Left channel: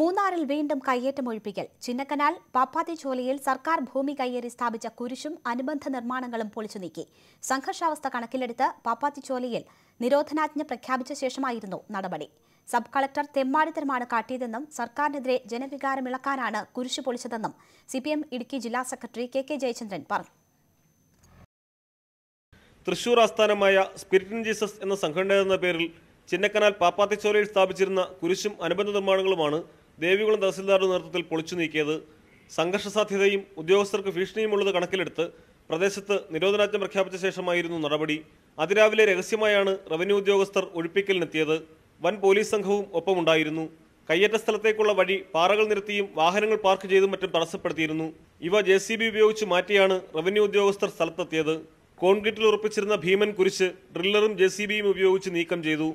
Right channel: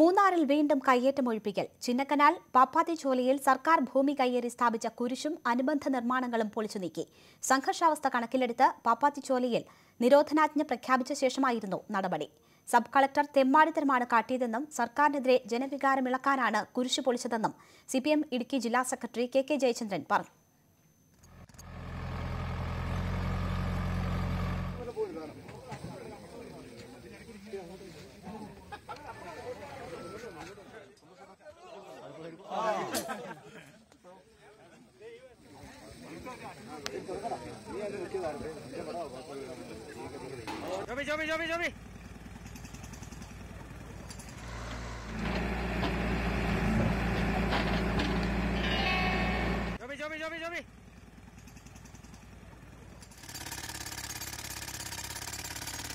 മൂന്നാറിൽ വീണ്ടും കയ്യേറ്റം ഒഴിപ്പിക്കൽ. ചിന്നക്കനാൽ പാപ്പാത്തിച്ചോലയിൽ സർക്കാർ ഭൂമി കയ്യേറി സ്ഥാപിച്ച കുരിശും അനുബന്ധ നിർമ്മാണങ്ങളും പൊളിച്ചു നീക്കി. സംഘർഷാവസ്ഥ കണക്കിലെടുത്ത് പാപ്പാത്തിച്ചോലയിൽ നിരോധനാജ്ഞ പ്രഖ്യാപിച്ച ശേഷമായിരുന്നു നടപടി. സബ് കളക്ടർ തെമ്മാടിത്തരമാണ് കാട്ടിയതെന്നും സർക്കാരിനെതിരെ ജനവികാരമിളക്കാനാണ് കുരിശു പൊളിച്ചതെന്നും CPM ഇടുക്കി ജില്ലാ സെക്രട്ടറി KK ജയചന്ദ്രൻ പറഞ്ഞു. തൃശൂർ ആസ്ഥാനമായ സ്പിരിറ്റ് ഇൻ ജീസസ് എന്ന സംഘടന എന്ന പേരിൽ ചിന്നക്കനാൽ പാപ്പാത്തിച്ചോലയിൽ സ്ഥാപിച്ചിരുന്ന കുരിശും അനുബന്ധ നിർമ്മാണങ്ങളുമാണ് ദേവികുളം തഹസിൽദാരുടെ നേതൃത്വത്തിൽ പൊളിച്ചു നീക്കിയത്. സംഘർഷ സാധ്യതയും ഉദ്യോഗസ്ഥർക്ക് ഭീഷണിയുമുള്ളത് കണക്കിലെടുത്ത് പ്രദേശത്ത് നിരോധനാജ്ഞ പ്രഖ്യാപിച്ച ശേഷമായിരുന്നു നടപടി. അതിരാവിലെ രഹസ്യമായാണ് റവന്യൂ ഉദ്യോഗസ്ഥർ ഒഴിപ്പിക്കലിനെത്തിയത്. വൻ പോലീസ് സംഘവും ഒപ്പമുണ്ടായിരുന്നു. കയ്യേറ്റ സ്ഥലത്തേക്കുള്ള വഴി പാറകൾ നിരത്തിയും വാഹനങ്ങൾ പാർക്ക് ചെയ്തും മറ്റും തടസ്സപ്പെടുത്തിയിരുന്നു. ഇവ JCB ഉപയോഗിച്ച് മാറ്റിയാണ് റവന്യൂ ഉദ്യോഗസ്ഥർ സ്ഥലത്തെത്തിയത്. കോൺക്രീറ്റിൽ ഉറപ്പിച്ചിരുന്ന ഭീമൻ കുരിശ് ഡ്രില്ലറും JCBയും ഉപയോഗിച്ച് നീക്കം ചെയ്തു.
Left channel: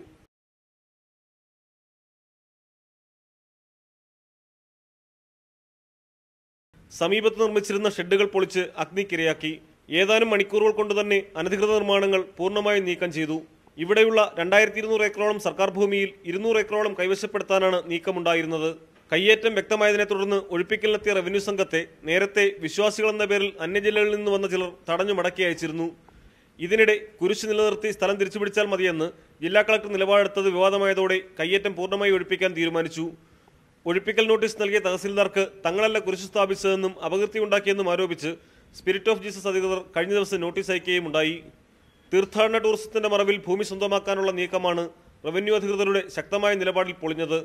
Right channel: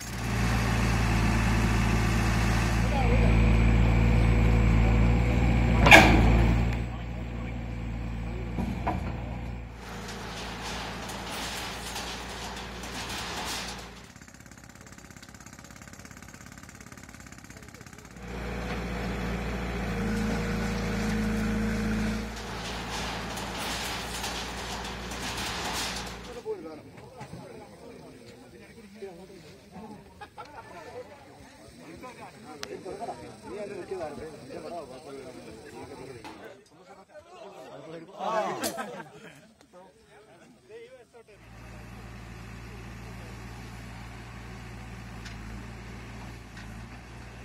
സമീപത്ത് നിർമ്മിച്ചിരുന്ന ഷെഡുകൾ പൊളിച്ച് അഗ്നിക്കിരയാക്കി. ഏതാനും മണിക്കൂറുകൾ കൊണ്ട് തന്നെ അനധികൃത നിർമ്മാണങ്ങൾ പൂർണ്ണമായും നീക്കം ചെയ്തു. ഇവിടെയുള്ള 2200 ഏക്കറോളം സർക്കാർ ഭൂമിയിൽ 200 ഏക്കറോളം കൈവശപ്പെടുത്താനാണ് നീക്കമുണ്ടായിരുന്നത്. കയ്യേറ്റം വ്യക്തമായതിനെ തുടർന്ന് ഒഴിപ്പിക്കലിനെത്തിയ റവന്യൂ സംഘത്തെ നേരത്തെ വിശ്വാസികളെന്ന പേരിൽ അന്യജില്ലകളിൽ നിന്ന് വന്ന ചിലർ തടഞ്ഞു മടക്കി അയച്ചിരുന്നു. ഇതിനിടെ കുരിശ് നിലനിർത്തി സ്ഥലം തിരിച്ചുപിടിച്ചാൽ മതിയെന്ന് ജില്ലാ കളക്ടർ നിലപാടെടുത്തത് വിവാദമായതോടെ കയ്യേറ്റം പൂർണ്ണമായി ഒഴിപ്പിക്കാൻ തീരുമാനിച്ചു. ഒഴിപ്പിക്കൽ നോട്ടീസ് നൽകിയ തഹസിൽദാർക്ക് തങ്ങളല്ല കുരിശ് സ്ഥാപിച്ചതെന്നും അപകീർത്തി ഉണ്ടാക്കിയെന്നും ആരോപിച്ച് സ്പിരിറ്റ് ഓഫ് ജീസസ് അധികൃതർ കഴിഞ്ഞ ദിവസം നോട്ടീസ് അയക്കുകയും ഉണ്ടായി. തീർത്ഥാടന ടൂറിസത്തിന്റെ മറവിൽ ഭൂമി സ്വന്തമാക്കാനുള്ള നീക്കമാണ് റവന്യൂ അധികൃതരുടെ ശക്തമായ നിലപാടിൽ പൊളിഞ്ഞത്.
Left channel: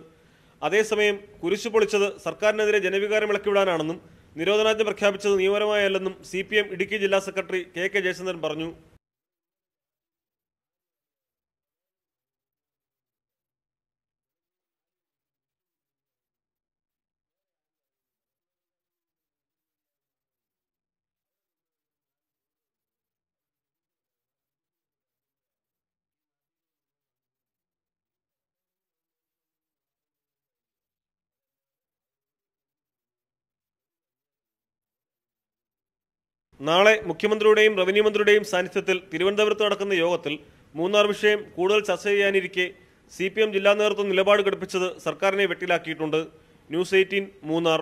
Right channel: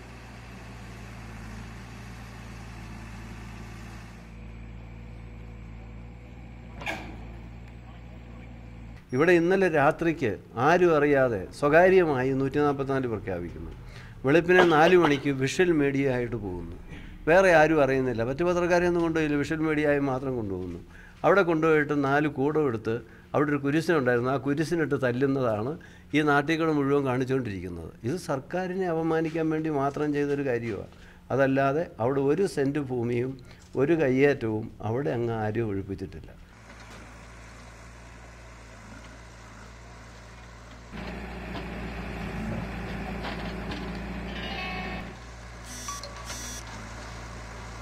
അതേസമയം കുരിശ് പൊളിച്ചത് സർക്കാരിനെതിരെ ജനവികാരം ഇളക്കിവിടാനാണെന്നും നിരോധനാജ്ഞ പ്രഖ്യാപിച്ചത് നിയമപരമായല്ലെന്നും CPM ഇടുക്കി ജില്ലാ സെക്രട്ടറി KK ജയചന്ദ്രൻ പറഞ്ഞു. ഇവിടെ ഇന്നലെ രാത്രിക്ക് ആരും അറിയാതെ സ്വകാര്യമായി 144 പ്രഖ്യാപിക്കുന്നു. വെളുപ്പിനെ 4 മണിക്ക് വിഷ്വൽ മീഡിയ ആയിട്ട് പോകുന്നു. വേറെ ആരും അറിയുന്നില്ല. മറ്റു പത്രക്കാരെയൊന്നും കൊണ്ടുപോയില്ല, വിഷ്വൽ മീഡിയയായി മാത്രം കൊണ്ടുപോകുന്നു. അവിടെ കൊണ്ടുപോയിട്ട് 4 കൂടം എടുത്ത് അവിടെ ഒരു കുരിശനുണ്ടായിരുന്നു, ആ കുരിശിനിട്ട് തല്ലുന്നതാണ് ഈ നാട്ടികൾ മുഴുവൻ കാണിച്ചുകൊണ്ടിരിക്കുന്നത്. ഇത് സർക്കാരിനെ അപമാനിക്കാൻ വേണ്ടി മാത്രം ചെയ്തൊരു കാര്യമാണ്. അതല്ലാതെ അവിടെ ഒരു സെൻറ്റ് ഭൂമിയും ഒരു കയ്യേറ്റവും അവിടെ അങ്ങ് ആരും ഒഴിപ്പിച്ചിട്ടില്ല. നാളെ മുഖ്യമന്ത്രിയുടെയും റവന്യൂ മന്ത്രിയുടെയും സാന്നിധ്യത്തിൽ തിരുവനന്തപുരത്ത് നടക്കുന്ന യോഗത്തിൽ മൂന്നാർ വിഷയം കൂടുതൽ ചർച്ച ചെയ്യാനിരിക്കെ CPM ജില്ലാ നേതൃത്വം നിലപാട് ഘടിപ്പിച്ചത് സർക്കാരിനെ വെട്ടിലാക്കിയിട്ടുണ്ട്. News 18 മൂന്നാർ.